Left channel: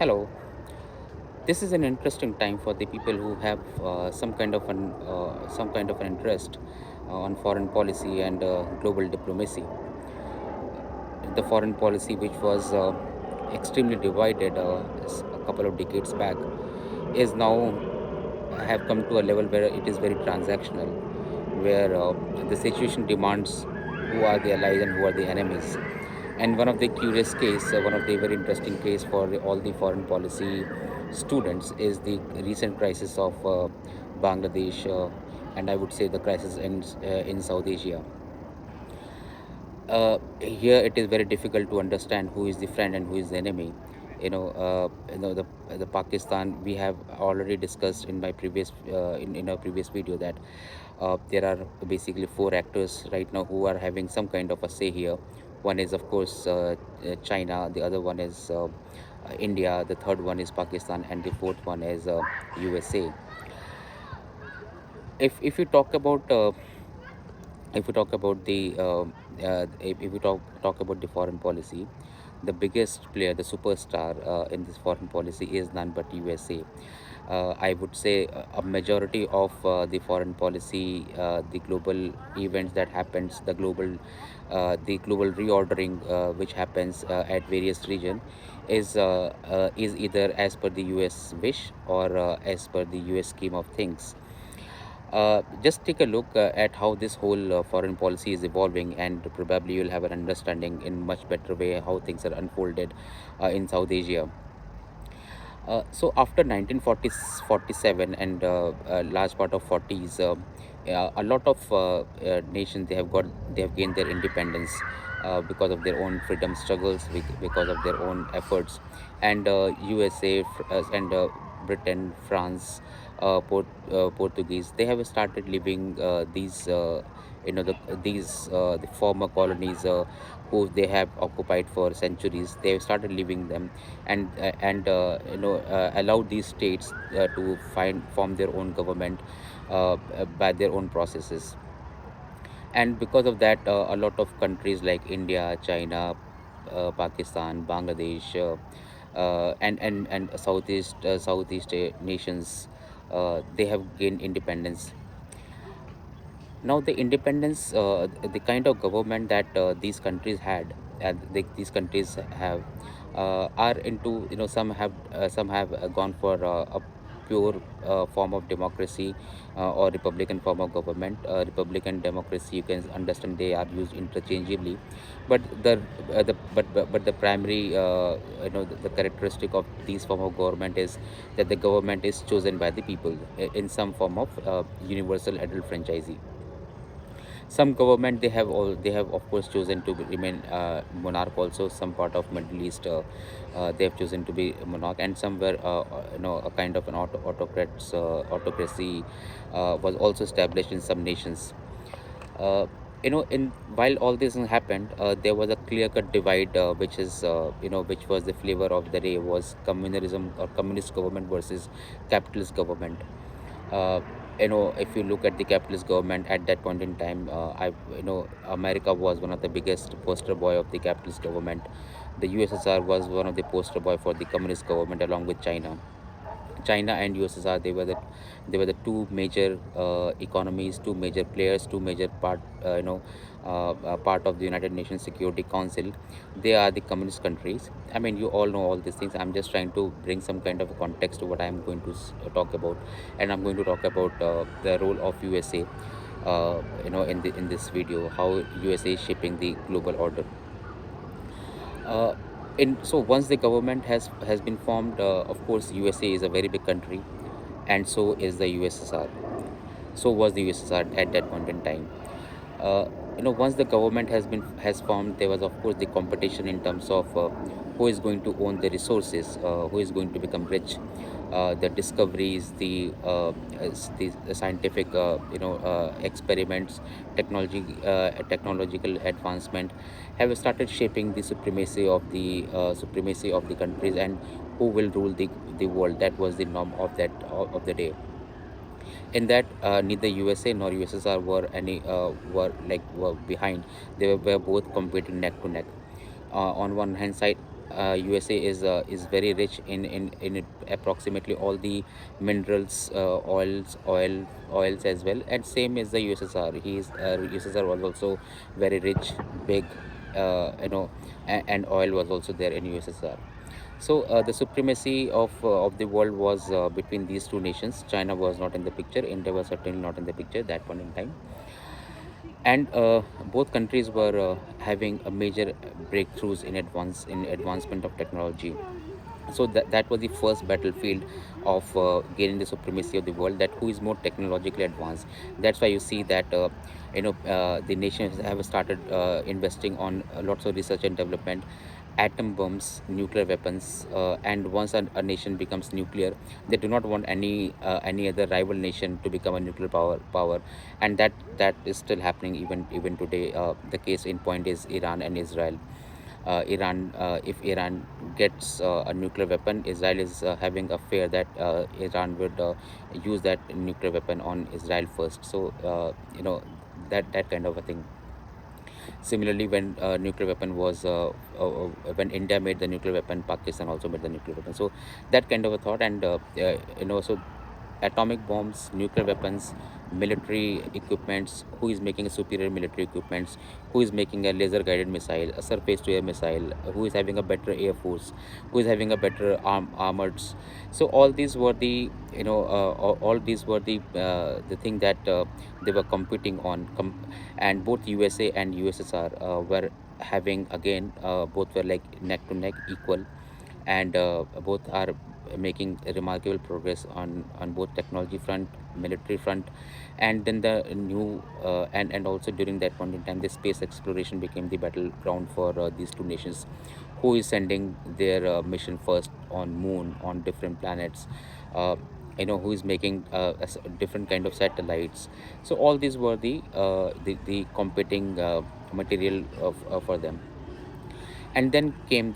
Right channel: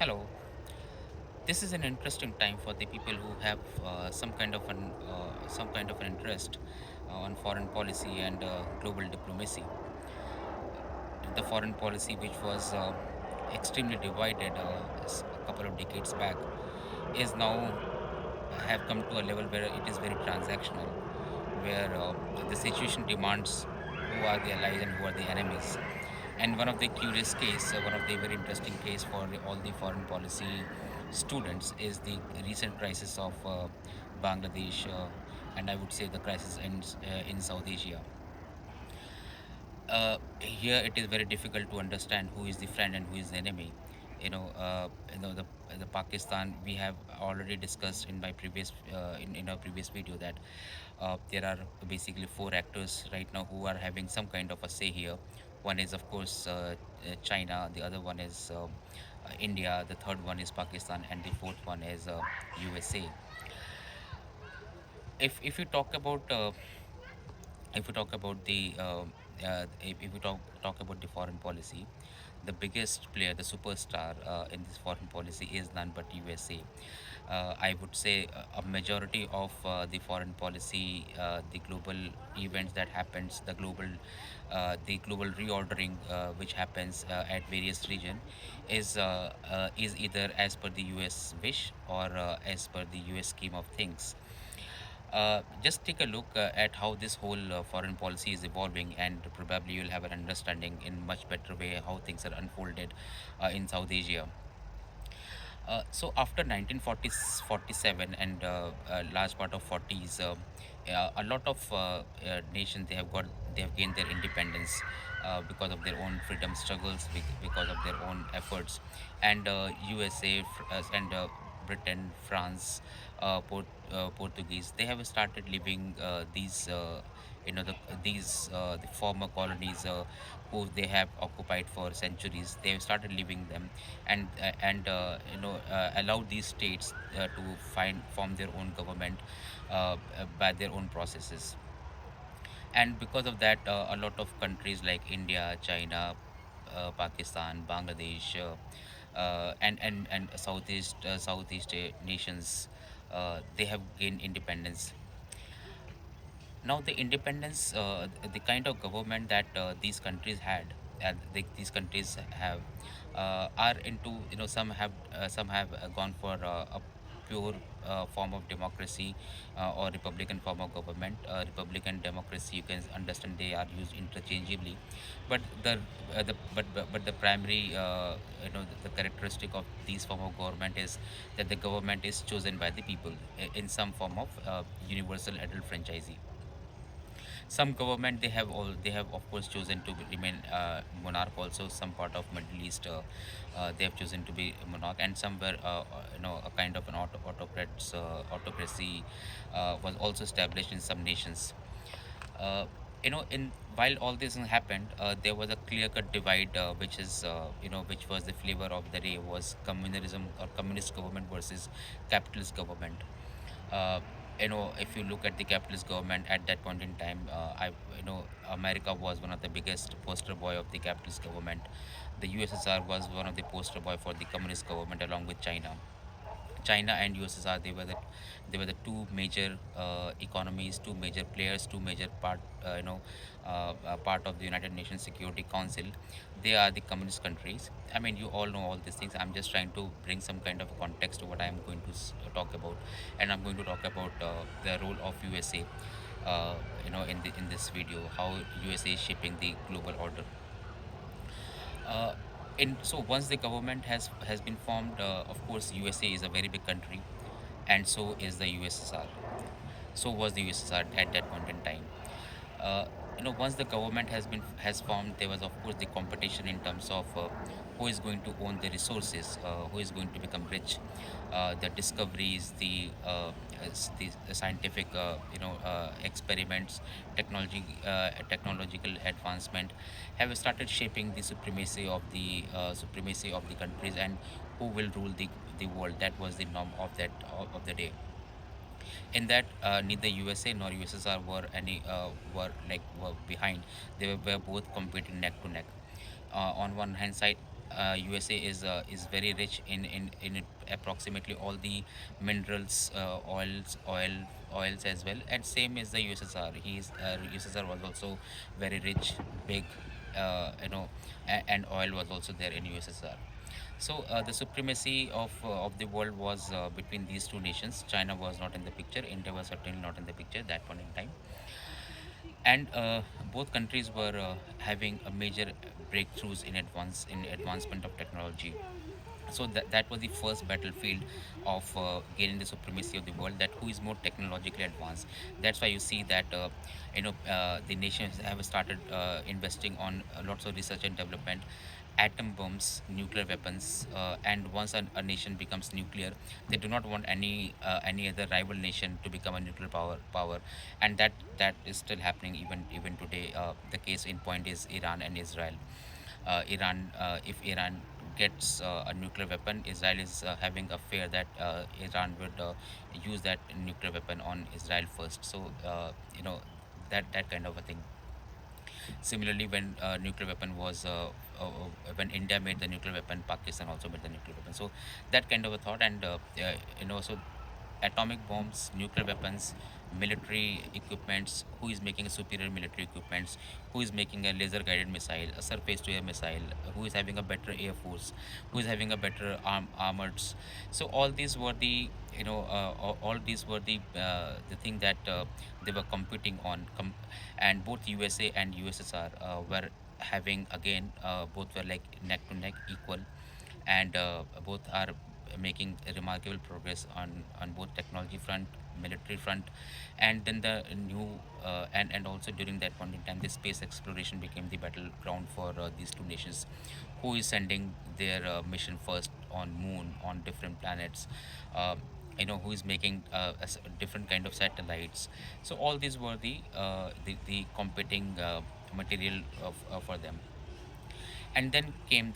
Hello. This is an interesting time for the people who have some kind of an interest on foreign policy and global diplomacy. The foreign policy, which was extremely divided a couple of decades back, is now have come to a level where it is very transactional, where the situation demands who are the allies and who are the enemies. And one of the curious case, one of the very interesting case for all the foreign policy students is the recent crisis of Bangladesh, and I would say the crisis in South Asia. Here it is very difficult to understand who is the friend and who is the enemy. The Pakistan, we have already discussed in my previous in our previous video that there are basically four actors right now who are having some kind of a say here. One is of course China, the other one is India, the third one is Pakistan, and the fourth one is USA. If you talk about if we talk about the if we talk about the foreign policy, the biggest player, the superstar in this foreign policy is none but USA. I would say a majority of the foreign policy, the global events that happens, the global reordering which happens at various region is either as per the US wish or as per the US scheme of things. Just take a look at how this whole foreign policy is evolving, and probably you'll have an understanding in much better way how things are unfolded in South Asia. So after 1947 and a large part of 40s, a lot of nations they have gained their independence because of their own freedom struggles, because of their own efforts, and USA and Britain, France, Portuguese, they have started leaving the former colonies who they have occupied for centuries. They have started leaving them and allow these states to form their own government by their own processes. And because of that, a lot of countries like India, China, Pakistan, Bangladesh, and Southeast nations, they have gained independence. Now the independence, the kind of government that these countries had and these countries have are into, some have gone for a pure form of democracy or republican form of government. Republican democracy, you can understand, they are used interchangeably, but the primary the characteristic of these form of government is that the government is chosen by the people in some form of universal adult franchisee. Some government, they have of course chosen to remain monarch also. Some part of Middle East, they have chosen to be monarch, and somewhere a kind of an autocracy was also established in some nations. uh, in while all this happened, there was a clear cut divide, which was the flavor of the day, was communalism or communist government versus capitalist government. uh, if you look at the capitalist government at that point in time, America was one of the biggest poster boy of the capitalist government. The USSR was one of the poster boy for the communist government, along with China and USSR. They were the two major economies, two major players, two major part of the United Nations Security Council. They are the communist countries. I mean, you all know all these things. I'm just trying to bring some kind of a context to what I'm going to talk about, and I'm going to talk about the role of USA. In this video, how USA is shaping the global order. Uh, so once the government has been formed, of course, USA is a very big country, and so is the USSR. So was the USSR at that point in time. uh, Once the government has formed, there was of course the competition in terms of who is going to own the resources, who is going to become rich. The discoveries, the scientific experiments, technological advancement have started shaping the supremacy of the countries, and who will rule the world. That was the norm of the day. In that, neither USA nor USSR were behind. They were both competing neck to neck. On one hand side, USA is very rich in approximately all the minerals, oils as well, and same as the USSR. USSR was also very rich, big, and oil was also there in USSR. So the supremacy of the world was between these two nations. China was not in the picture. India was certainly not in the picture that point in time, and both countries were having a major breakthroughs in advancement of technology. So that was the first battlefield of gaining the supremacy of the world, that who is more technologically advanced. That's why you see that the nations have started investing on lots of research and development, atom bombs, nuclear weapons, and once a nation becomes nuclear, they do not want any other rival nation to become a nuclear power, and that is still happening even today. The case in point is Iran and Israel. If Iran gets a nuclear weapon, Israel is having a fear that Iran would use that nuclear weapon on Israel first. So that kind of a thing. Similarly, when nuclear weapon was when India made the nuclear weapon, Pakistan also made the nuclear weapon. So that kind of a thought, and so atomic bombs, nuclear weapons, military equipments, who is making a superior military equipments, who is making a laser guided missile, a surface to air missile, who is having a better air force, who is having a better armors. So all these were the all these were the thing that they were competing on, and both USA and USSR were having, again, both were like neck to neck equal, and both are making remarkable progress on both technology front, military front. And then the new and also during that point in time, the space exploration became the battleground for these two nations. Who is sending their mission first on moon, on different planets, uh, who is making different kind of satellites. So all these were the competing material for them. And then came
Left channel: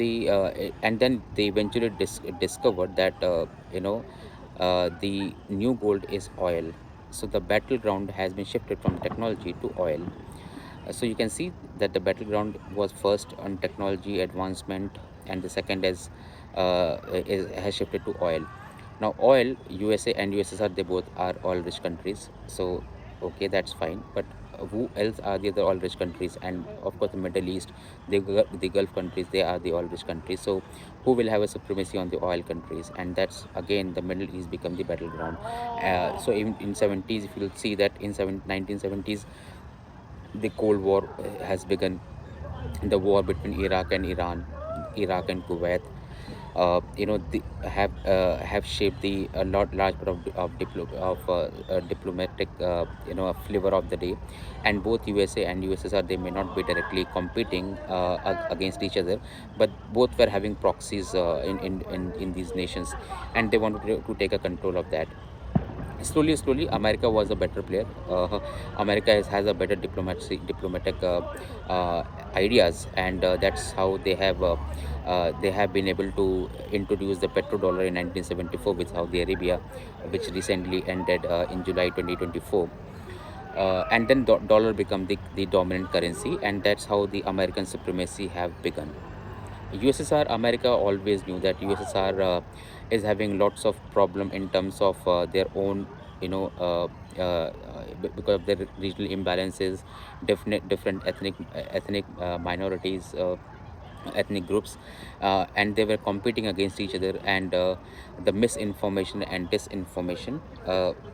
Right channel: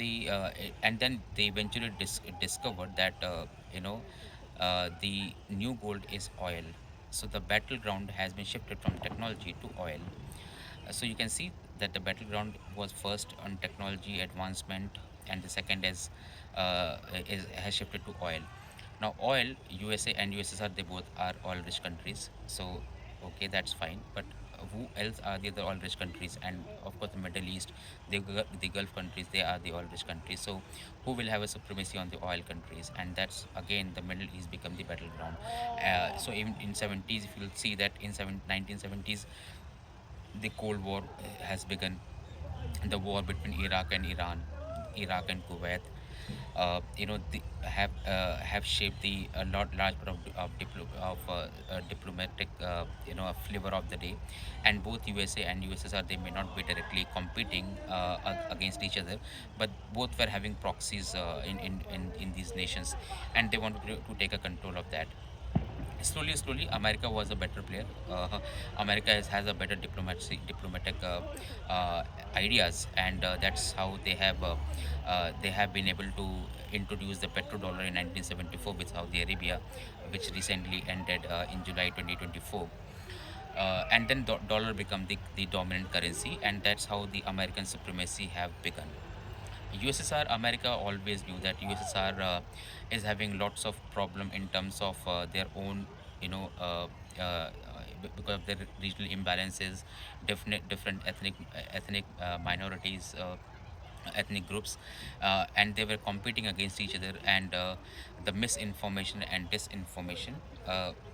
and then they eventually discovered that the new gold is oil. So the battleground has been shifted from technology to oil. So you can see that the battleground was first on technology advancement, and the second has shifted to oil. Now, oil, USA and USSR, they both are oil rich countries. So, okay, that's fine. But who else are the other oil rich countries? And of course, the Middle East, the Gulf countries, they are the oil rich countries. So, who will have a supremacy on the oil countries? And that's again, the Middle East become the battleground. So, in 70s, if you'll see that in 1970s, the Cold War has begun, the war between Iraq and Iran, Iraq and Kuwait, have shaped the a large part of diplomatic flavor of the day. And both USA and USSR, they may not be directly competing against each other, but both were having proxies in these nations, and they wanted to take a control of that. Slowly America was a better player. America has a better diplomatic ideas, and that's how they have been able to introduce the petrodollar in 1974 with Saudi Arabia, which recently ended in July 2024. And then dollar become the dominant currency, and that's how the American supremacy have begun. USSR, America always knew that USSR is having lots of problem in terms of their own, because of their regional imbalances, different ethnic minorities, ethnic groups, and they were competing against each other, and the misinformation and disinformation.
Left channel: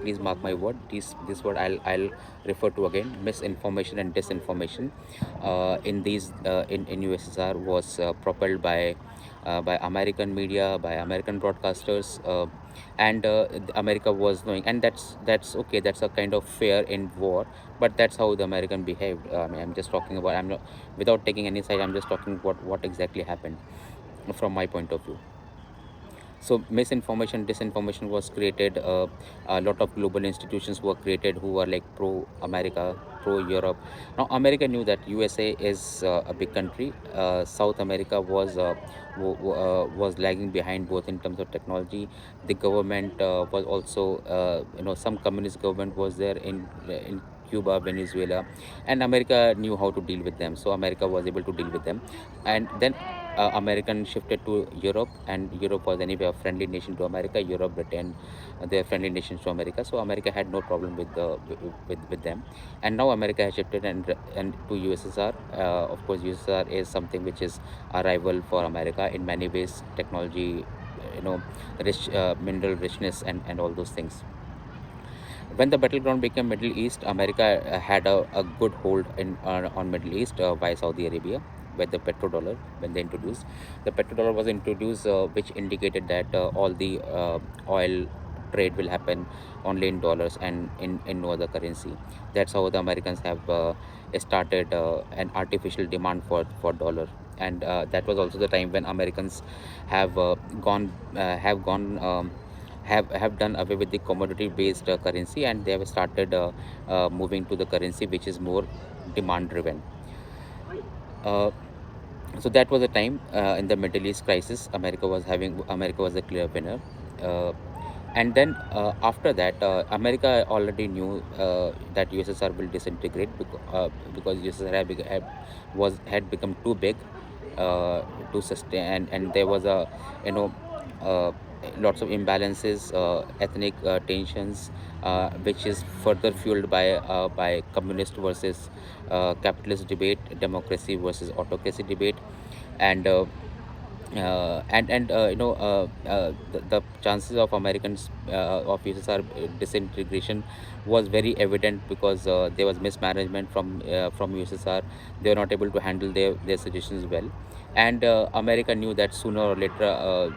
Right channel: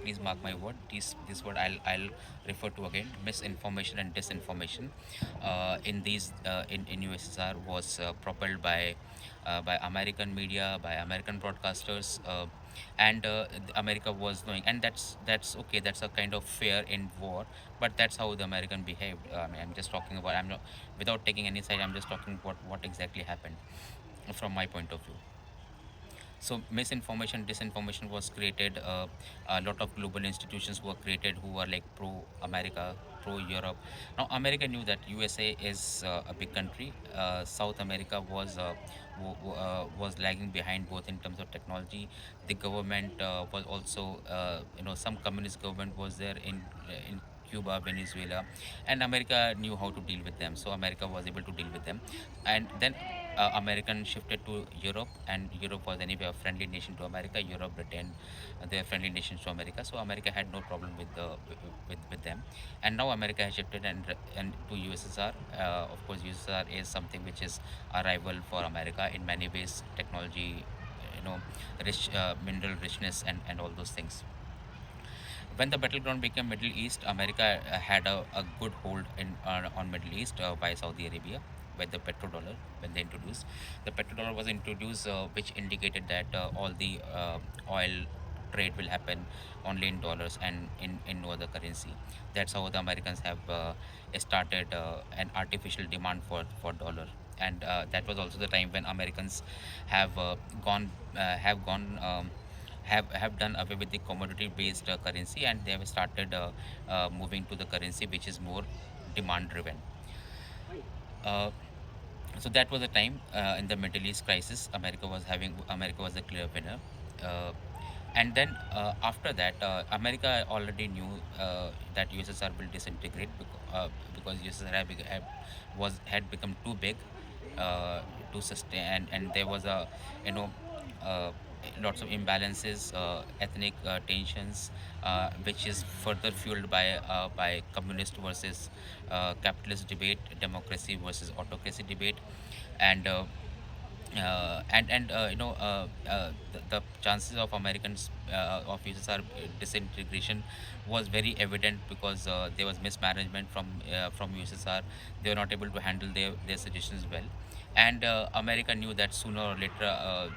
Please mark my word. This word I'll refer to again. Misinformation and disinformation in USSR was propelled by American media, by American broadcasters, and America was knowing, and that's okay. That's a kind of fair in war, but that's how the American behaved. I mean, I'm just talking about. I'm not, without taking any side. I'm just talking what exactly happened from my point of view. So misinformation, disinformation was created. A lot of global institutions were created who were like pro America, pro Europe. Now America knew that USA is a big country. South America was lagging behind both in terms of technology. The government was also, some communist government was there in Cuba, Venezuela, and America knew how to deal with them. So America was able to deal with them, and then American shifted to Europe, and Europe was anyway a friendly nation to America. Europe retained their friendly nations to America, so America had no problem with with them. And now America has shifted and to USSR. Of course, USSR is something which is a rival for America in many ways, technology, rich mineral richness, and all those things. When the battleground became Middle East, America had a good hold on Middle East via Saudi Arabia with the petrodollar. When they introduced the petrodollar was introduced, which indicated that all the oil trade will happen only in dollars and in no other currency. That's how the Americans have started an artificial demand for dollar. And that was also the time when Americans have gone have done away with the commodity based currency, and they have started moving to the currency which is more demand driven. uh, so that was a time in the Middle East crisis. America was a clear winner. uh, and then after that, America already knew that USSR will disintegrate because USSR had become too big uh, to sustain, and there was a you know uh, lots of imbalances, ethnic tensions, which is further fueled by communist versus capitalist debate, democracy versus autocracy debate. And the chances of Americans of USSR disintegration was very evident because there was mismanagement from USSR. They were not able to handle their suggestions well, and America knew that sooner or later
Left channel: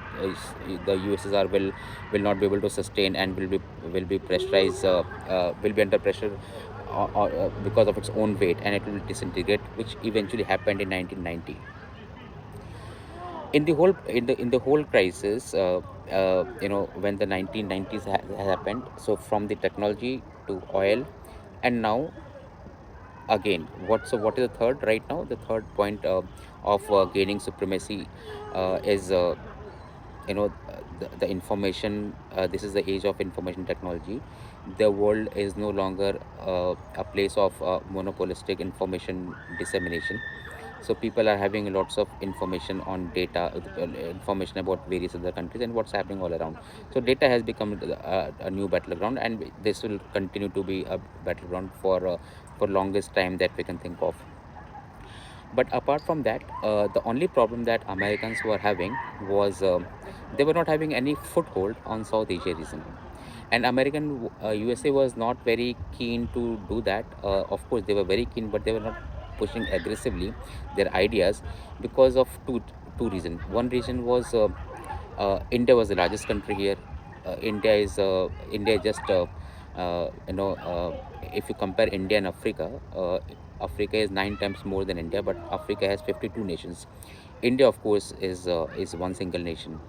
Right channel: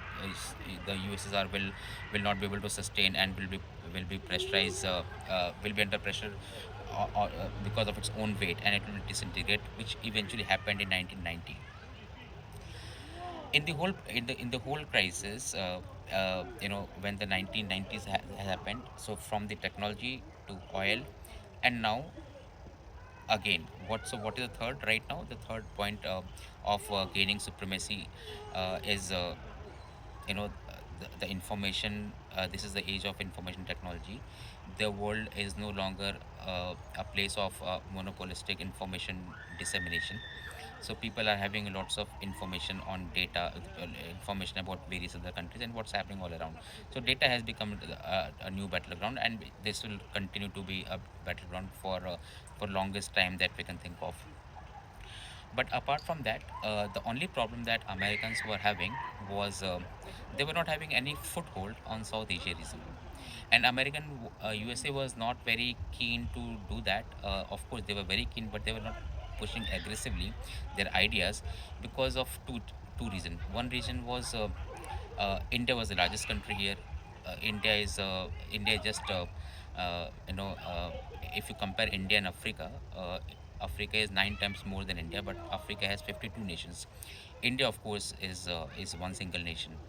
the USSR will not be able to sustain and will be pressurized, will be under pressure because of its own weight, and it will disintegrate, which eventually happened in 1990. In the whole crisis, when the 1990s happened, so from the technology to oil, and now again, what is the third right now? The third point of gaining supremacy is the information. This is the age of information technology. The world is no longer a place of monopolistic information dissemination. So people are having lots of information on data, information about various other countries and what's happening all around. So data has become a new battleground, and this will continue to be a battleground for longest time that we can think of. But apart from that, the only problem that Americans were having was they were not having any foothold on South Asia region. And USA was not very keen to do that. Of course, they were very keen, but they were not pushing aggressively their ideas because of two reasons. One reason was India was the largest country here. India just if you compare India and Africa, Africa is 9 times more than India, but Africa has 52 nations. India, of course, is one single nation.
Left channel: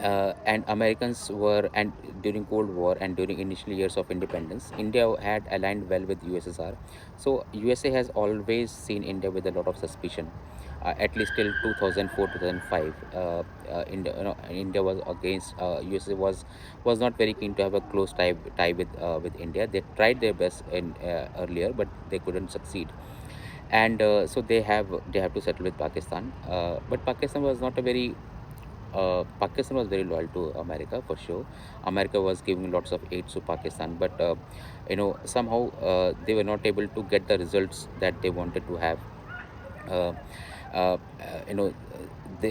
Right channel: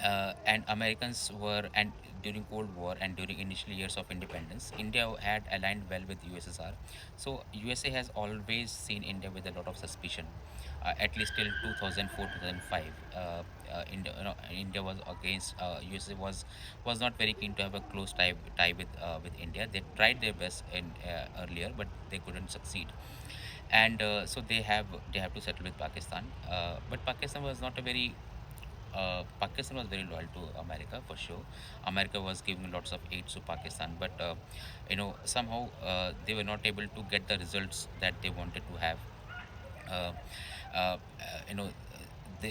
And Americans were, and during Cold War and during initial years of independence, India had aligned well with USSR. So USA has always seen India with a lot of suspicion, at least till 2004 2005. India was against USA was not very keen to have a close tie with India. They tried their best in earlier, but they couldn't succeed. And so they have to settle with Pakistan. But Pakistan was very loyal to America for sure. America was giving lots of aid to Pakistan, but somehow they were not able to get the results that they wanted to have. Uh, uh, you know,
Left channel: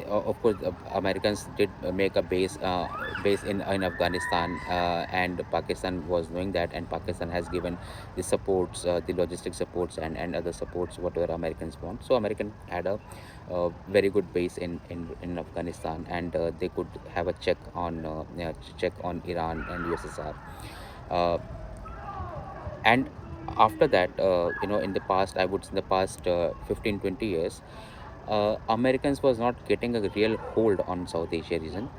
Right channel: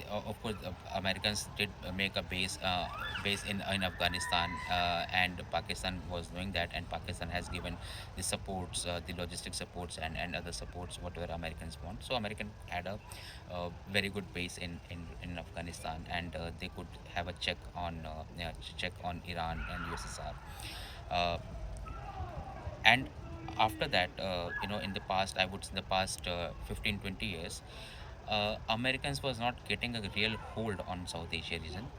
of course, Americans did make a base in Afghanistan, and Pakistan was knowing that, and Pakistan has given the supports, the logistic supports, and other supports whatever Americans want. So American had a very good base in Afghanistan, and they could have a check on Iran and USSR. Uh, and after that, in the past, I would say in the past 15 20 years, Americans was not getting a real hold on South Asia region.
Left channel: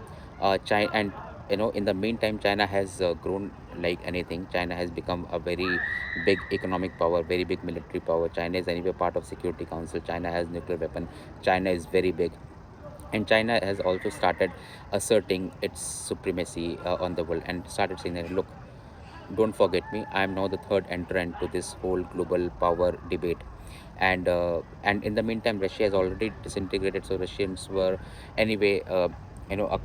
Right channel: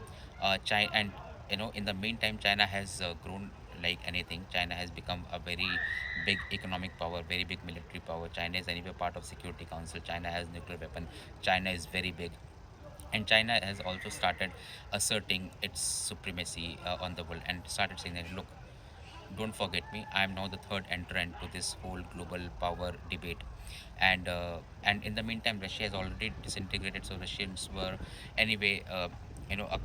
China, and in the meantime, China has grown like anything. China has become a very big economic power, very big military power. China is anyway part of Security Council. China has nuclear weapon. China is very big, and China has also started asserting its supremacy on the world, and started saying that, look, don't forget me. I am now the third entrant to this whole global power debate, and in the meantime Russia has already disintegrated, so Russians were anyway a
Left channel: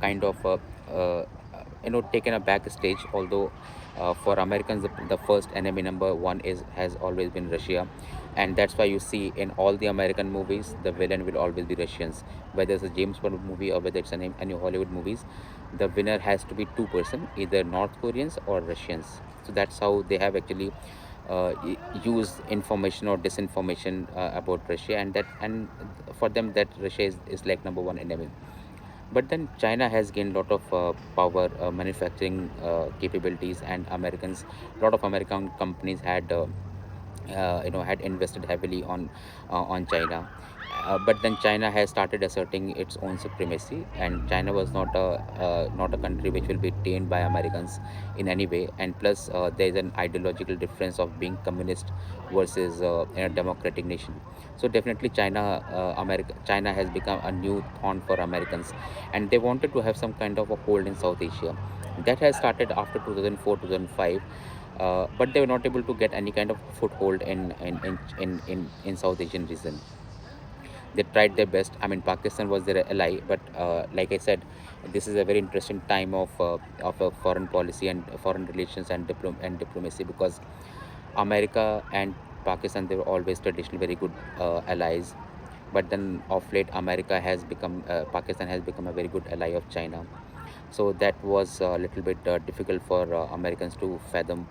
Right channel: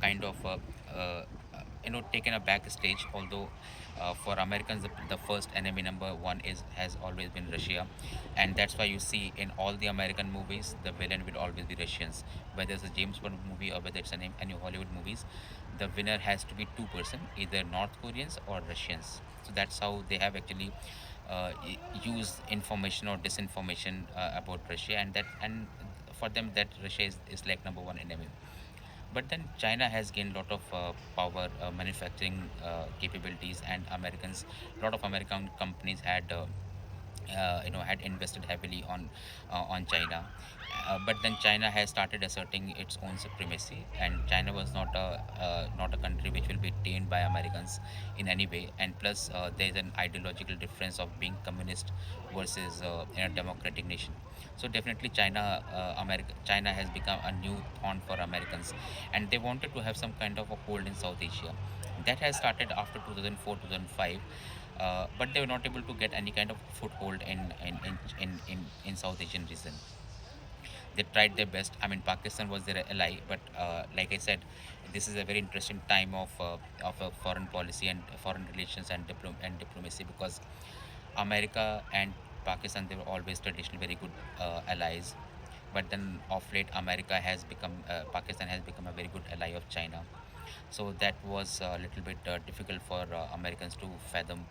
kind of uh, taken a backstage. Although for Americans, the first enemy number one is has always been Russia, and that's why you see in all the American movies the villain will always be Russians. Whether it's a James Bond movie or whether it's any Hollywood movies, the winner has to be two-person, either North Koreans or Russians. So that's how they have actually used information or disinformation about Russia, and for them that Russia is like number one enemy. But then China has gained a lot of power, manufacturing capabilities, and Americans, a lot of American companies had invested heavily on China. But then China has started asserting its own supremacy, and China was not a country which will be tamed by Americans in any way. And plus, there is an ideological difference of being communist versus in a democratic nation. So definitely, China has become a new thorn for Americans, and they wanted to have some kind of a hold in South Asia. That has started after 2004, 2005, but they were not able to get any kind of foothold in South Asian region. They tried their best. I mean, Pakistan was their ally, but like I said, this is a very interesting time of foreign policy and foreign relations and diplomacy, because America and Pakistan, they were always traditionally very good allies. But then of late, Pakistan has become a very good ally of China. So that was a little bit difficult for Americans to fathom.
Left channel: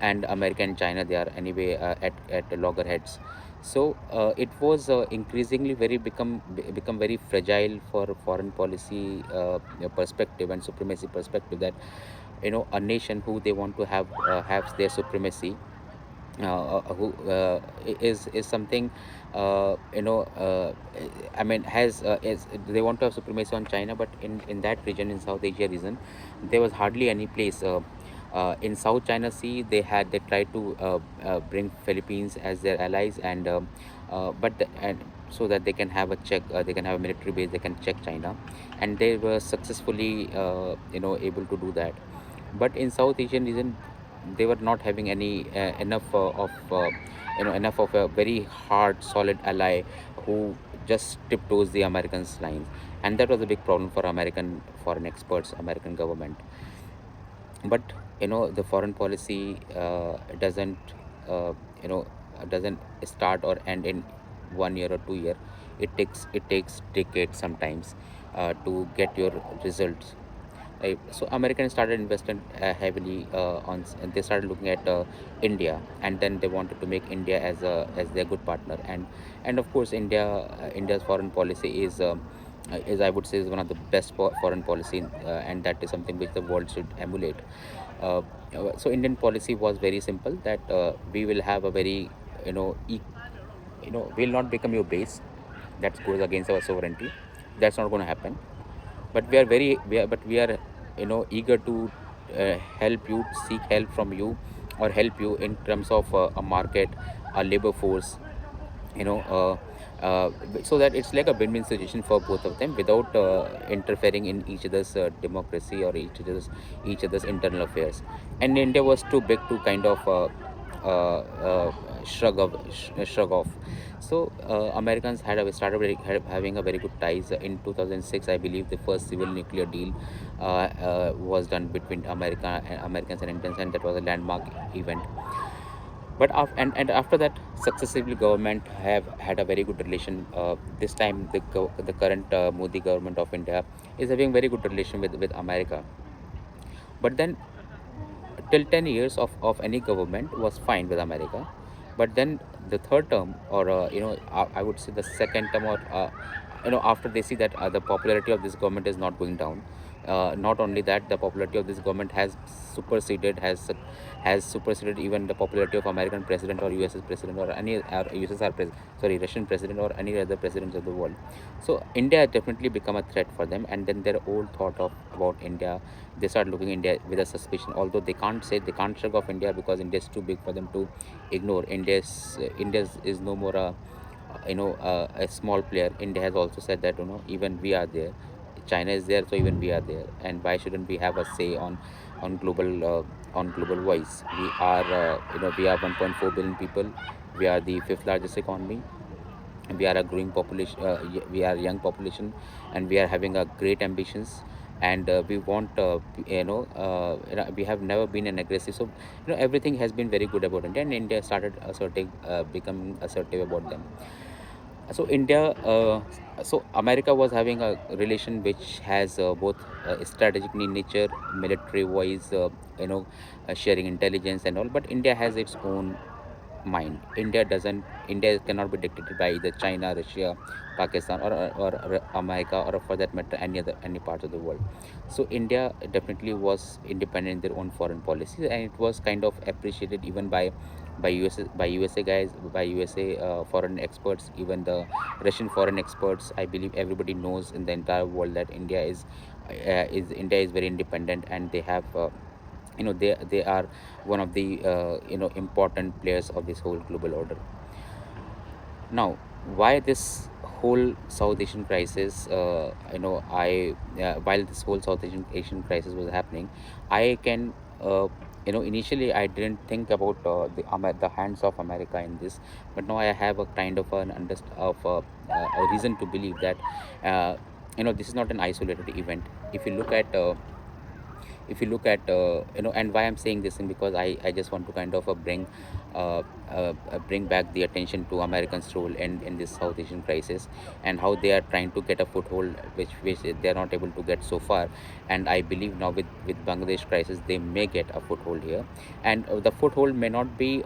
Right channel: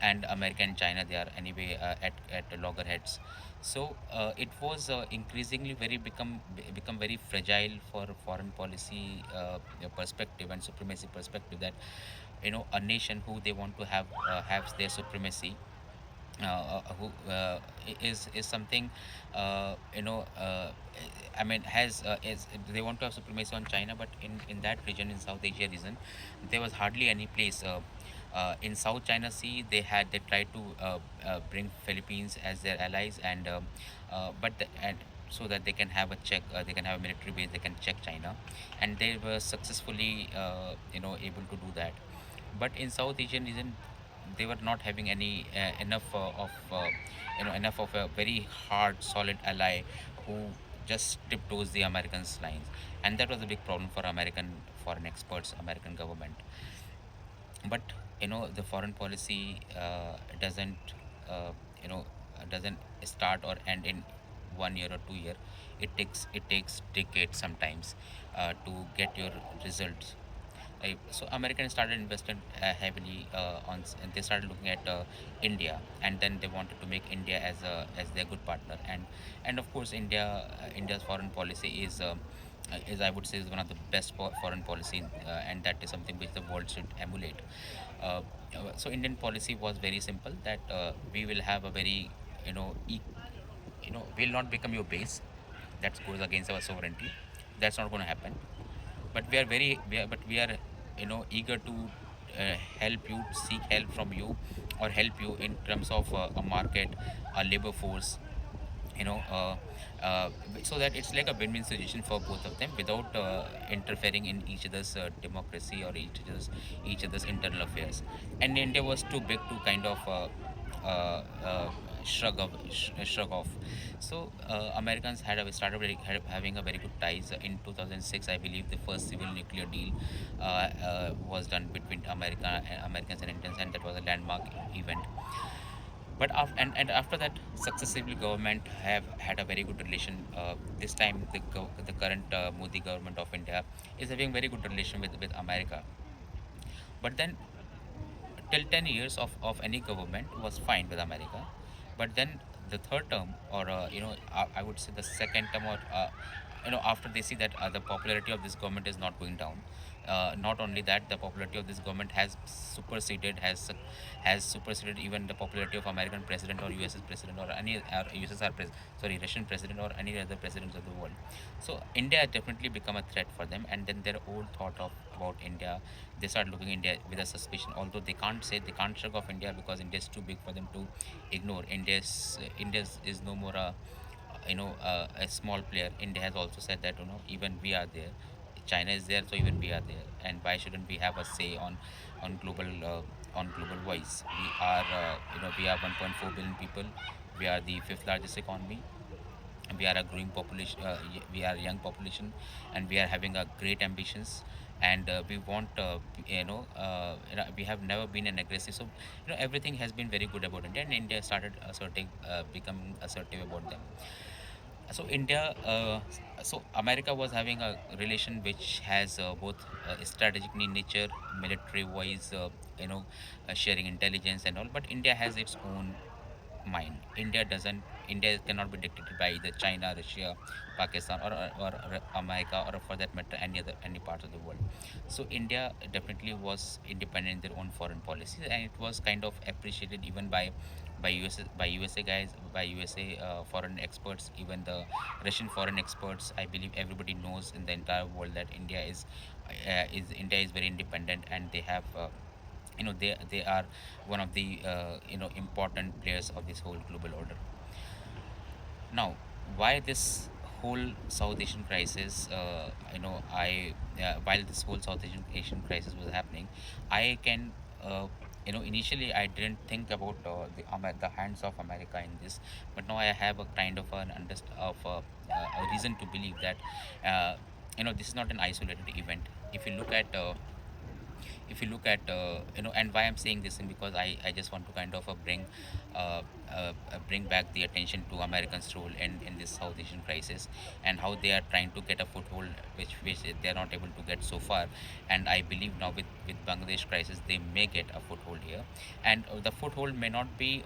And America and China, they are anyway at loggerheads. So it was increasingly become very fragile for foreign policy perspective and supremacy perspective, that a nation who they want to have their supremacy, who is something I mean has is they want to have supremacy on China, but in that region, in South Asia region, there was hardly any place. In South China Sea, they tried to bring Philippines as their allies, and so that they can have a military base, they can check China, and they were successfully able to do that. But in South Asian region, they were not having any enough of a very hard, solid ally who just tiptoes the Americans' lines, and that was a big problem for American foreign experts, American government. But the foreign policy uh, you know doesn't start or end in 1 year or 2 year. It takes decades sometimes to get your results. Right. So Americans started investing heavily and they started looking at India, and then they wanted to make India as their good partner. And of course, India's foreign policy is, I would say, is one of the best foreign policy, and that is something which the world should emulate. Uh, so Indian policy was very simple, that we will have a very we'll not become your base. That goes against our sovereignty. That's not going to happen. But we are eager to help you, seek help from you, or help you in terms of a market, a labor force, you know so that it's like a win-win situation for both of them, without interfering in each other's democracy or each other's internal affairs. And India was too big to kind of uh, uh, shrug off. So Americans having a very good ties. In 2006, I believe the first civil nuclear deal was done between Americans and Indians, and that was a landmark event. And after that, successively government have had a very good relation. This time, the current Modi government of India is having very good relation with America. But then, till 10 years of any government was fine with America. But then the third term, or I would say the second term, or after they see that the popularity of this government is not going down. Not only that, the popularity of this government has superseded even the popularity of American president, or US's president, or any sorry, Russian president, or any other presidents of the world. So India has definitely become a threat for them, and then their old thought of about India, they start looking India with a suspicion. Although they can't shrug off India, because India is too big for them to ignore. India is no more a small player. India has also said that even we are there. China is there, so even we are there. And why shouldn't we have a say on global voice? We are 1.4 billion people. We are the fifth largest economy. We are a growing population, we are a young population, and we are having a great ambitions, and we want we have never been an aggressive, so everything has been very good about India, and India started assertive, becoming assertive about them. So America was having a relation which has both strategic in nature, military wise, sharing intelligence and all, but India has its own mind. India cannot be dictated by either China, Russia, Pakistan, or America, or for that matter any part of the world. So India definitely was independent in their own foreign policies, and it was kind of appreciated even by USA guys, by USA foreign experts, even the Russian foreign experts. I believe everybody knows in the entire world that India is very independent, and they have they are one of the important players of this whole global order. Now, why this whole South Asian crisis? While this whole South Asian crisis was happening, I can initially I didn't think about the hands of America in this, but now I have a kind of an a reason to believe that uh, this is not an isolated event. If you look at and why I'm saying this thing, because I just want to kind of bring back the attention to Americans role in this South Asian crisis, and how they are trying to get a foothold which they are not able to get so far. And I believe now with Bangladesh crisis they may get a foothold here, and the foothold may not be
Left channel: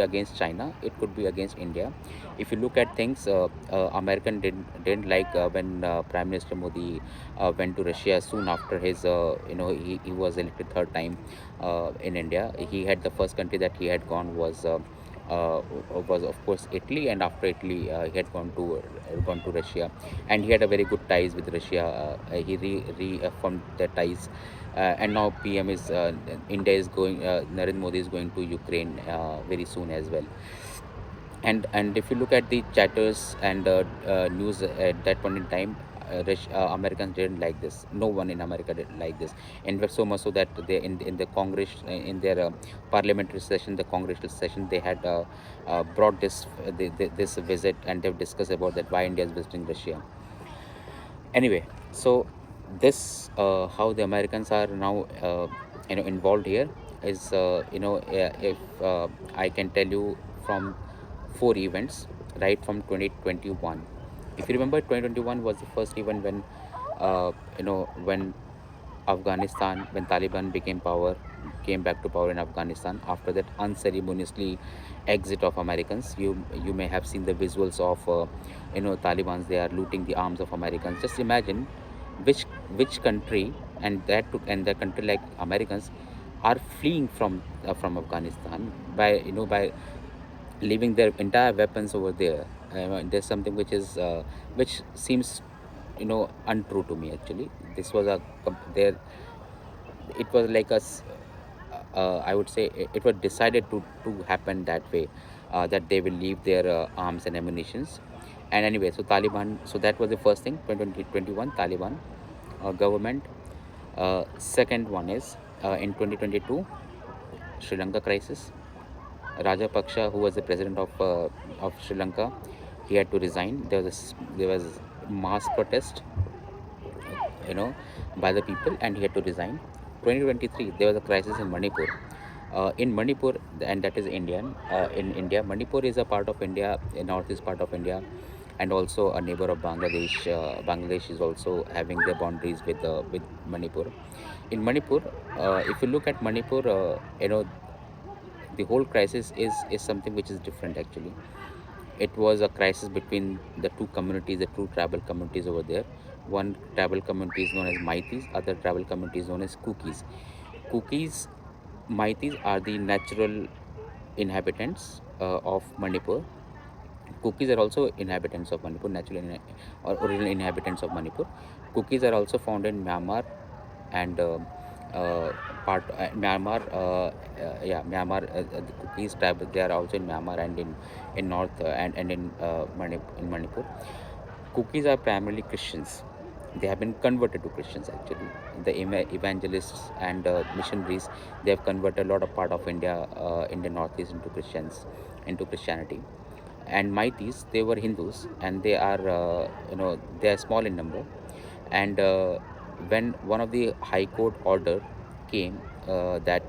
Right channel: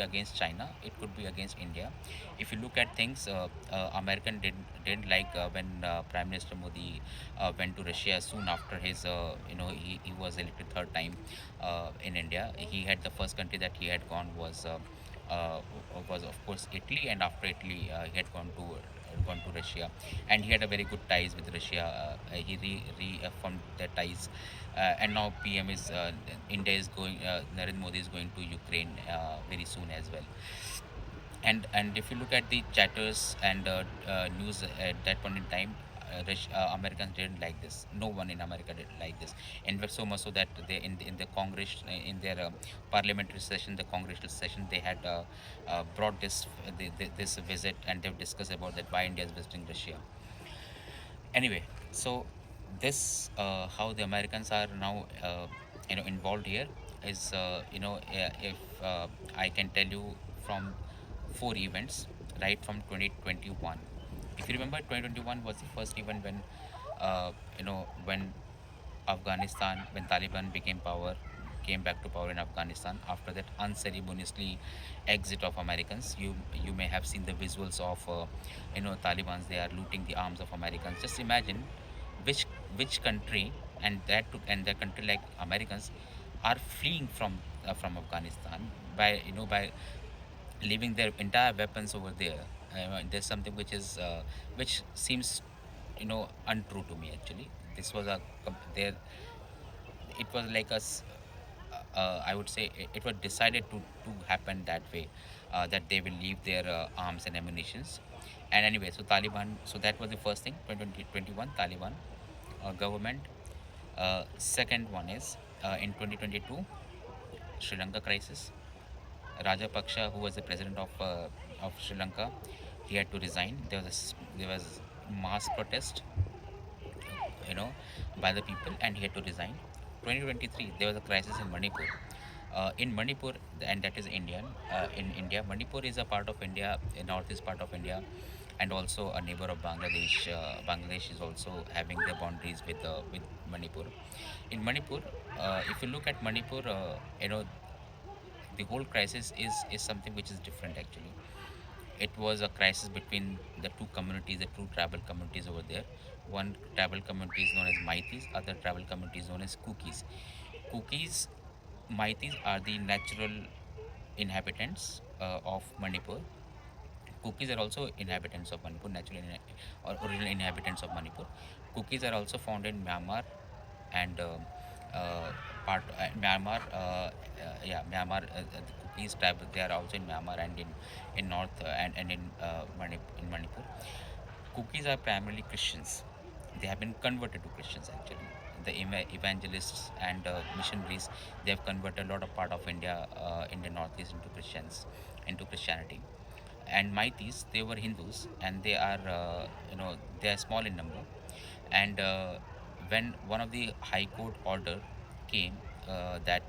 against China, it could be against India. If you look at things, American didn't like when Prime Minister Modi went to Russia soon after he was elected third time in India. He had the first country that he had gone uh, was of course Italy, and after Italy he had gone to Russia, and he had a very good ties with Russia. He reaffirmed the ties, and now PM is India is going. Narendra Modi is going to Ukraine very soon as well. And if you look at the chatters and news at that point in time, Americans didn't like this. No one in America did like this. In fact, so much so that they in the Congress, in their parliamentary session, the congressional session, they had brought this visit, and they've discussed about that why India is visiting Russia. Anyway, so this how the Americans are now involved here is if I can tell you from four events right from 2021. If you remember, 2021 was the first event when when Afghanistan, when Taliban came back to power in Afghanistan after that unceremoniously exit of Americans. You may have seen the visuals of Taliban's. They are looting the arms of Americans. Just imagine which which country, and the country like Americans are fleeing from Afghanistan by leaving their entire weapons over there. There's something which seems untrue to me actually. This was a there it was like I would say it was decided to happen that way, that they will leave their arms and ammunitions. And anyway, so Taliban, so that was the first thing, 2021 Taliban government. Second one is in 2022 Sri Lanka crisis. Rajapaksa, who was the president of Sri Lanka, he had to resign. There was mass protest, you know, by the people, and he had to resign. 2023, there was a crisis in Manipur. In Manipur, and that is Indian. In India, Manipur is a part of India, a northeast part of India, and also a neighbor of Bangladesh. Bangladesh is also having their boundaries with Manipur. In Manipur, if you look at Manipur, the whole crisis is something which is different actually. It was a crisis between the two communities, the two tribal communities over there. One tribal community is known as Maitis, other tribal community is known as Kukis. Maitis are the natural inhabitants of Manipur. Kukis are also inhabitants of Manipur, or original inhabitants of Manipur. Kukis are also found in Myanmar, and part Myanmar, Myanmar. The Kukis tribe, they are also in Myanmar, and in north, and in Manipur. Kukis are primarily Christians. They have been converted to Christians actually. The evangelists and missionaries, they have converted a lot of part of India in the northeast into Christianity. And Maitis, they were Hindus, and they are they are small in number. And when one of the high court order came, that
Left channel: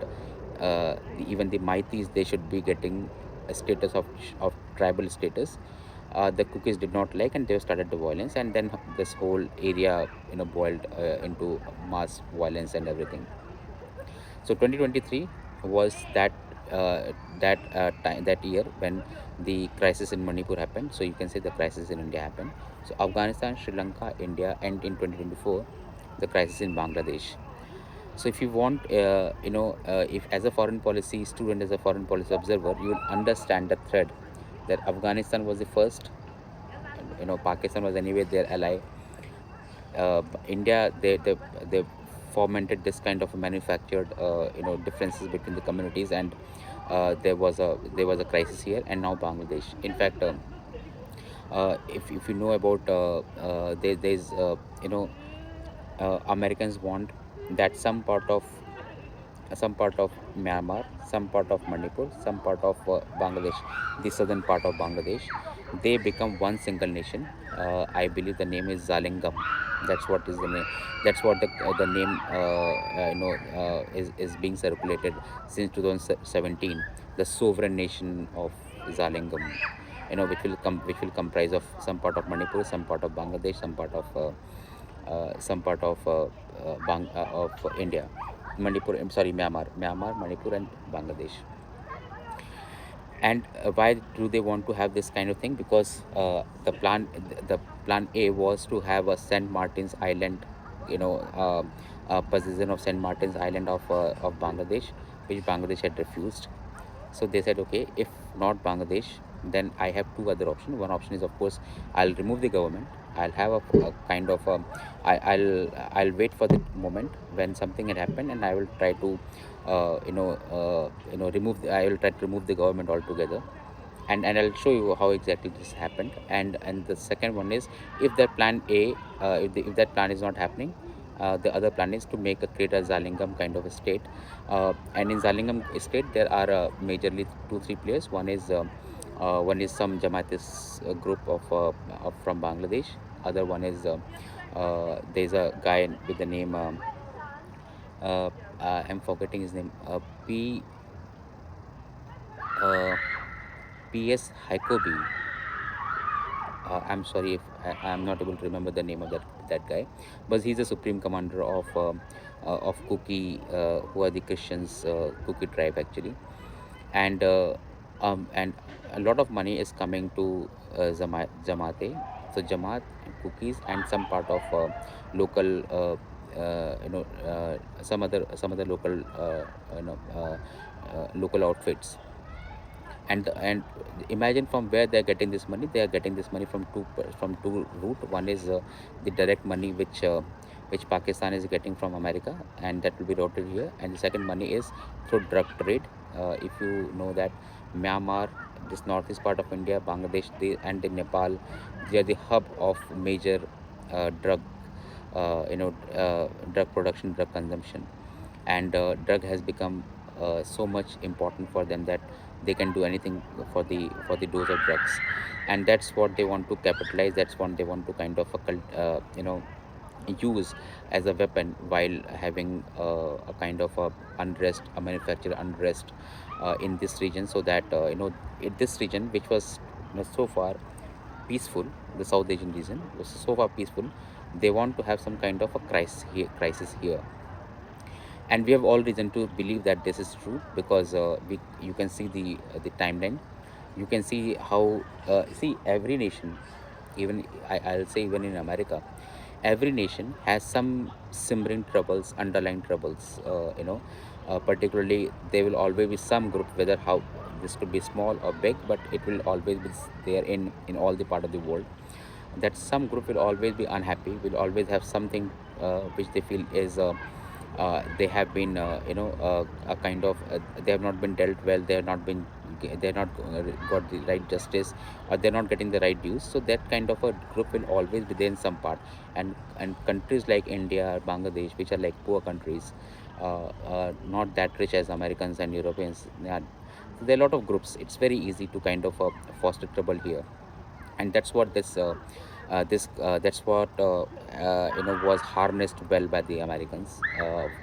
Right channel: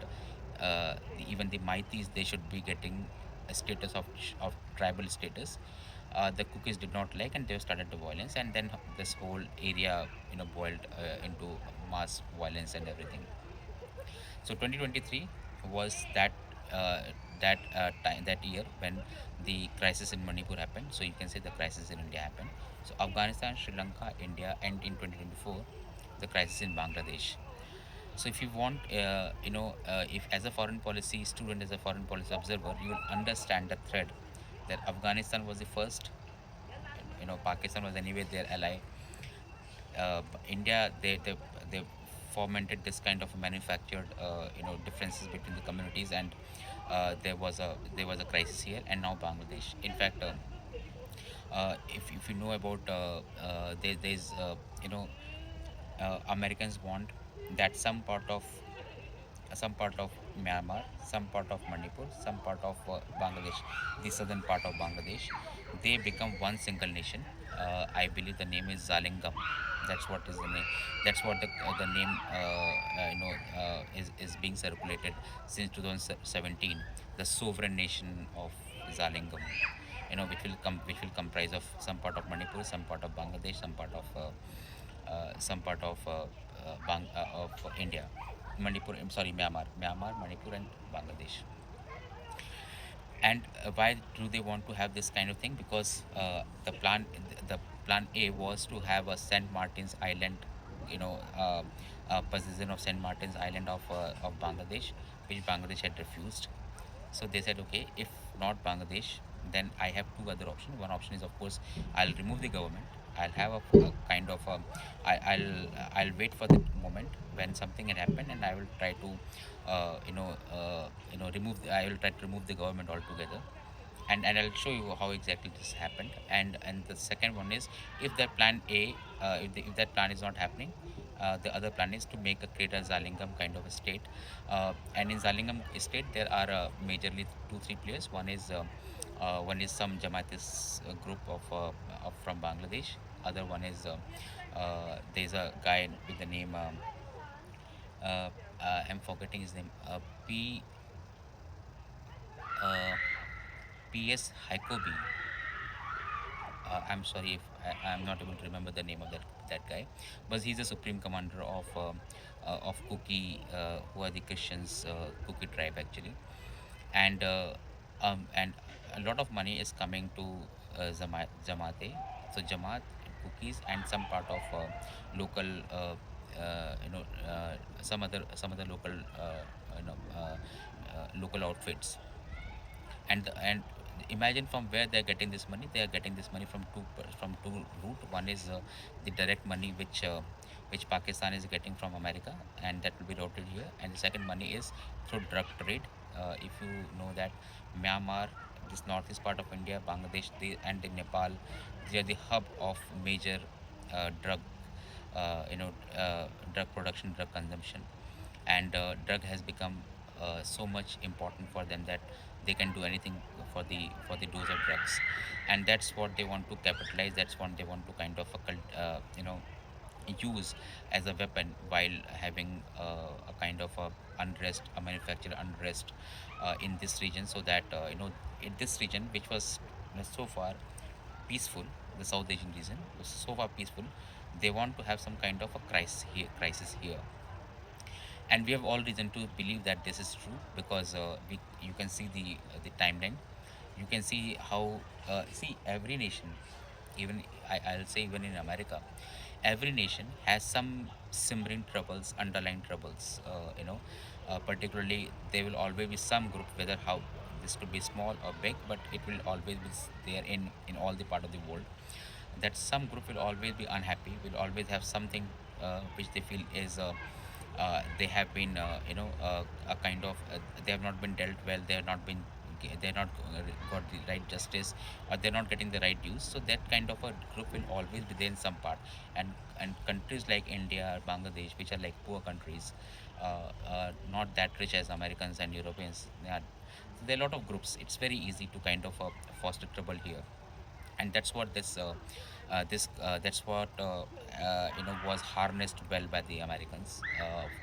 even the Maitis, they should be getting a status of tribal status, the cookies did not like, and they started the violence, and then this whole area boiled into mass violence and everything. So 2023 was that year when the crisis in Manipur happened. So you can say the crisis in India happened. So Afghanistan, Sri Lanka, India, and in 2024 the crisis in Bangladesh. So if you want, if as a foreign policy student, as a foreign policy observer, you will understand the thread that Afghanistan was the first, and Pakistan was anyway their ally. India, they fomented this kind of manufactured differences between the communities, and there was a crisis here. And now Bangladesh. In fact, if you know about, there's Americans want that some part of Myanmar, some part of Manipur, some part of Bangladesh, the southern part of Bangladesh, they become one single nation. I believe the name is Zalingam. That's what is the name. That's what the name is being circulated since 2017. The sovereign nation of Zalingam, which will comprise of some part of Manipur, some part of Bangladesh, of India, Manipur. I'm sorry, Myanmar, Manipur, and Bangladesh. And why do they want to have this kind of thing? Because the plan A was to have a Saint Martin's Island, possession of Saint Martin's Island of Bangladesh, which Bangladesh had refused. So they said, okay, if not Bangladesh, then I have two other options. One option is, of course, I'll remove the government. I'll have a kind of I'll wait for the moment when something had happened, and I will try to I will try to remove the government altogether. And I'll show you how exactly this happened. And the second one is, if that plan A, if that plan is not happening, the other plan is to create a Zalingam kind of a state. And in Zalingam state, there are majorly two three players. One is some Jamaatis group of from Bangladesh. Other one is, there's a guy with the name, uh, I'm forgetting his name, P uh, PS Haikobi. I'm sorry if I'm not able to remember the name of that guy, but he's the supreme commander of Kuki, who are the Christians, Kuki tribe actually. And a lot of money is coming to Jamaate. So Jamaat and Cookies and some part of local, some other local, local outfits. And imagine from where they are getting this money. They are getting this money from two route. One is the direct money which Pakistan is getting from America, and that will be routed here. And the second money is through drug trade. If you know that Myanmar, this northeast part of India, Bangladesh, and the Nepal, they are the hub of major drug, drug production, drug consumption. And drug has become so much important for them that they can do anything for the dose of drugs. And that's what they want to capitalize. That's what they want to kind of use as a weapon, while having a kind of a unrest, a manufactured unrest in this region. So that in this region, which was so far peaceful, the South Asian region was so far peaceful, they want to have some kind of a crisis here. And we have all reason to believe that this is true, because you can see the timeline. You can see how, see, every nation, even I'll say even in America, every nation has some simmering troubles, underlying troubles. Particularly, there will always be some group, whether how this could be small or big, but it will always be there in all the part of the world. That some group will always be unhappy, will always have something which they feel is, they have been, a kind of, they have not been dealt well. They have not been, they're not got the right justice, or they're not getting the right dues. So that kind of a group will always be there in some part. And countries like India, Bangladesh, which are like poor countries, not that rich as Americans and Europeans, So there are a lot of groups. It's very easy to kind of foster trouble here, and that's what that's what was harnessed well by the Americans,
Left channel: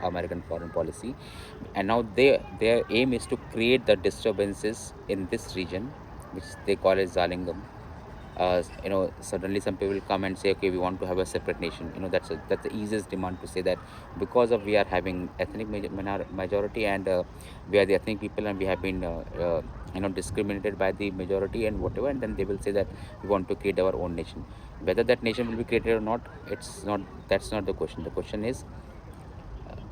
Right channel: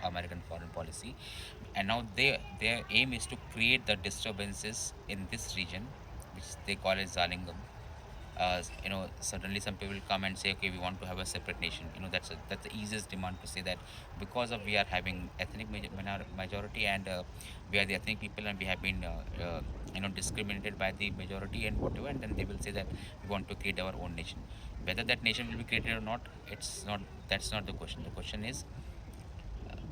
American foreign policy. And now their aim is to create the disturbances in this region, which they call as Zalingam. Suddenly some people come and say, okay, we want to have a separate nation. That's the easiest demand to say that, because of we are having ethnic majority, and we are the ethnic people, and we have been discriminated by the majority and whatever, and then they will say that we want to create our own nation. Whether that nation will be created or not, it's not that's not the question. The question is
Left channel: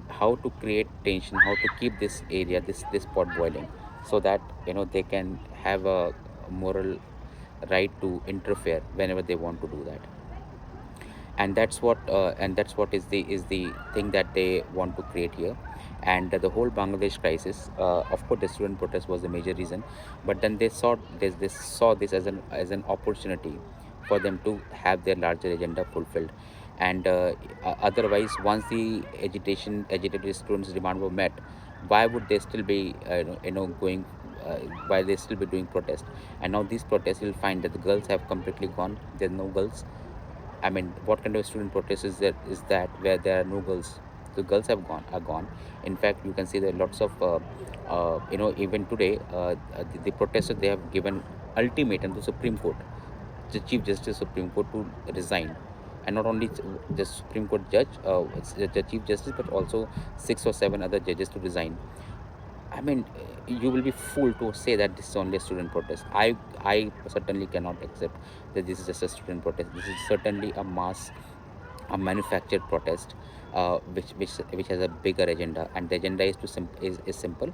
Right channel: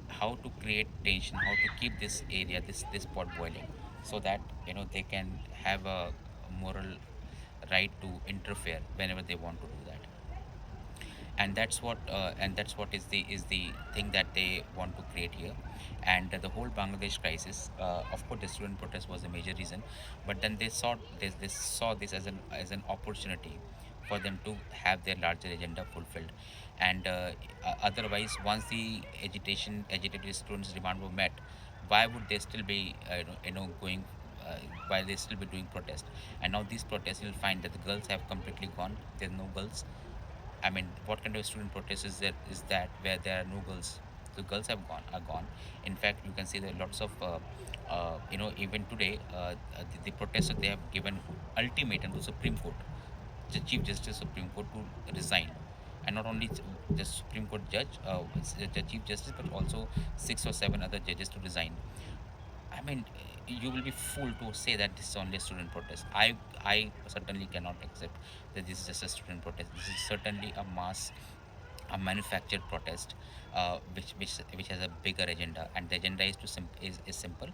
how to create tension, how to keep this area, this pot boiling, so that they can have a moral right to interfere whenever they want to do that. And that's what is the thing that they want to create here. And the whole Bangladesh crisis, of course the student protest was the major reason, but then they saw this as an opportunity for them to have their larger agenda fulfilled. And otherwise, once the agitated students demand were met, why would they still be going, why they still be doing protest? And now these protests, you'll find that the girls have completely gone. There's no girls. I mean, what kind of student protest is that where there are no girls? The girls are gone. In fact, you can see there are lots of even today, the protesters, they have given ultimatum to Supreme Court, the Chief Justice Supreme Court, to resign. And not only the Supreme Court judge, it's the Chief Justice, but also 6 or 7 other judges to resign. I mean, you will be fooled to say that this is only a student protest. I certainly cannot accept that this is just a student protest. This is certainly a manufactured protest, which has a bigger agenda, and the agenda is simple:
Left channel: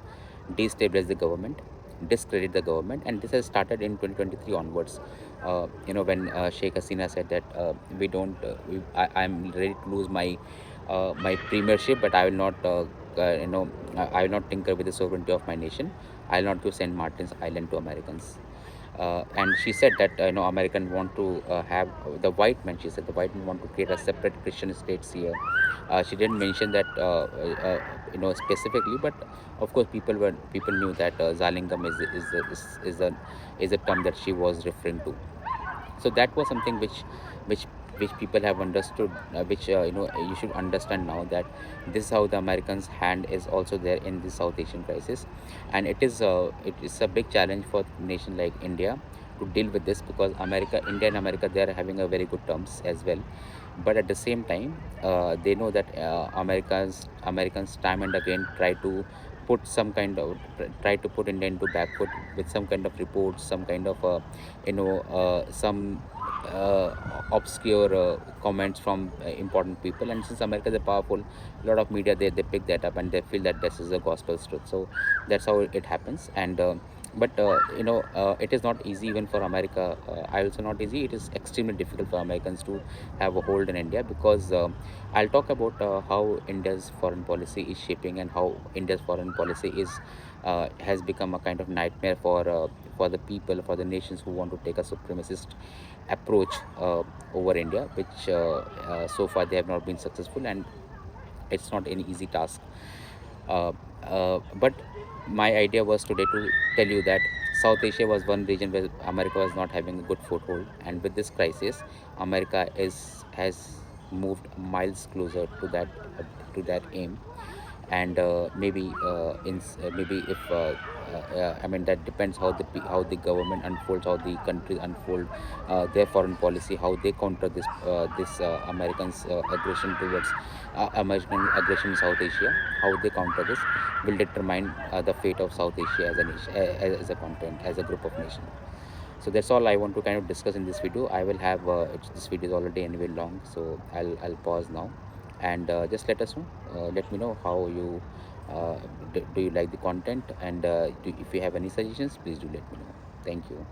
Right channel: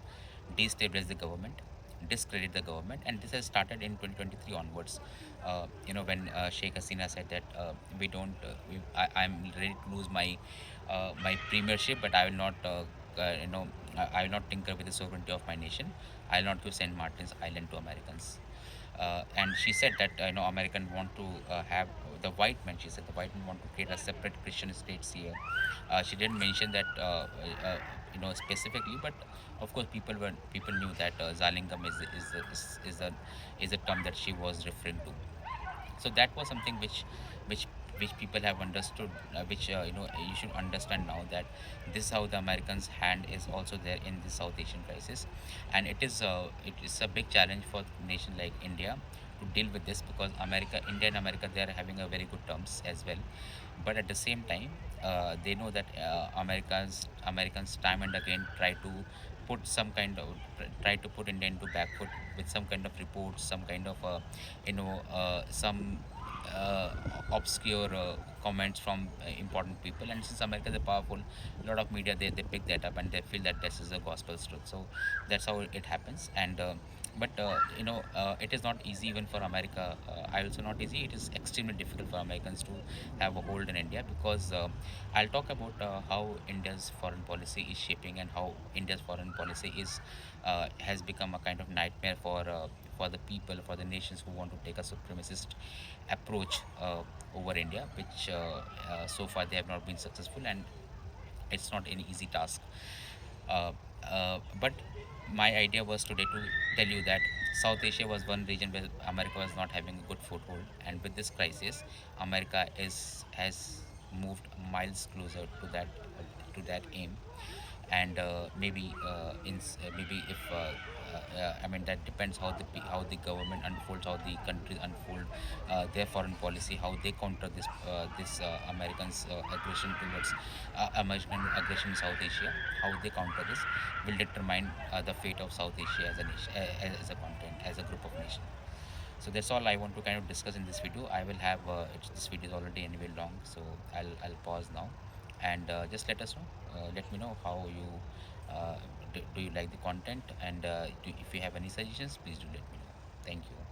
destabilize the government, discredit the government. And this has started in 2023 onwards. When Sheikh Hasina said that, we don't, I'm ready to lose my premiership, but I will not. I will not tinker with the sovereignty of my nation. I will not give Saint Martin's Island to Americans. And she said that American want to have the white men. She said the white men want to create a separate Christian states here. She didn't mention that specifically, but of course people knew that Zalingam is a term that she was referring to. So that was something which which people have understood, which you should understand now, that this is how the Americans hand is also there in the South Asian crisis. And it is a big challenge for nation like India to deal with this, because India and America, they are having a very good terms as well. But at the same time, they know that Americans time and again try to put India into back foot with some kind of reports, some kind of some uh, obscure comments from important people. And since America is a powerful, a lot of media, they pick that up, and they feel that this is a gospel truth. So that's how it happens. And but it is not easy even for America. I also not easy. It is extremely difficult for Americans to have a hold in India, because I'll talk about how India's foreign policy is shaping, and how India's foreign policy has become a kind of nightmare for the people, for the nations who want to take a supremacist approach over India, which so far they have not been successful, and it's not an easy task. Uh, but my idea was today to tell you that South Asia was one region where America was not having a good foothold, and with this crisis, America is has moved miles closer to that aim. And maybe if I mean, that depends how how the government unfolds, how the countries unfold their foreign policy, how they counter this Americans aggression towards American aggression in South Asia. How they counter this will determine the fate of South Asia as a nation, as a continent, as a group of nations. So that's all I want to kind of discuss in this video. I will have this video is already anyway long, so I'll pause now. And just let me know how you do you like the content, and if you have any suggestions, please do let me know. Thank you.